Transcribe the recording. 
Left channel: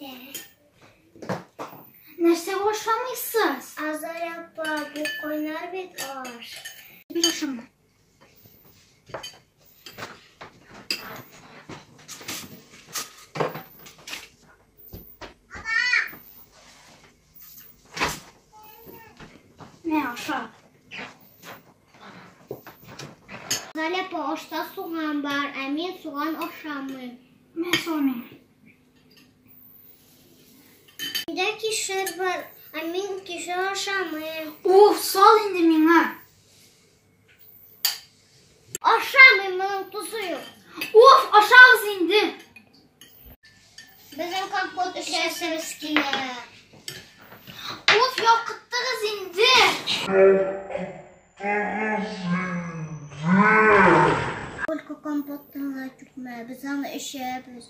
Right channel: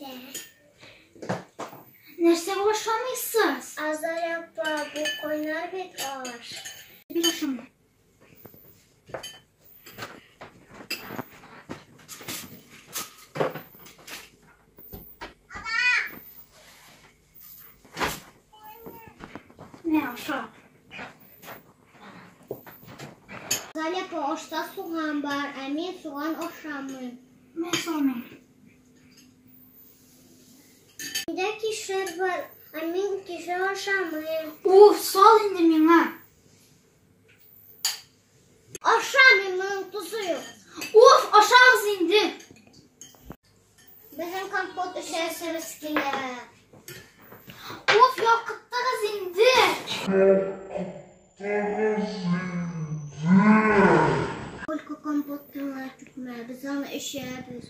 Neydi? Nerse hoşlanmışsınız? Azar yapma, bu koynar bir ağır. Bir hoşlanma. Ne aşağı? Azar yapma, oşta soğan var, emin soğan oşamı. Ne sormayayım? Bir de kişir var, emin kişir oşamı. Uf, sal indi mine. Oşamı, tuzu yok. Uf, aşağı indi. Bizim kampot işersiniz ki ne? Uf, yakıttınız indi. Kolku kampotunu tutma, biz onu işe yapıyoruz.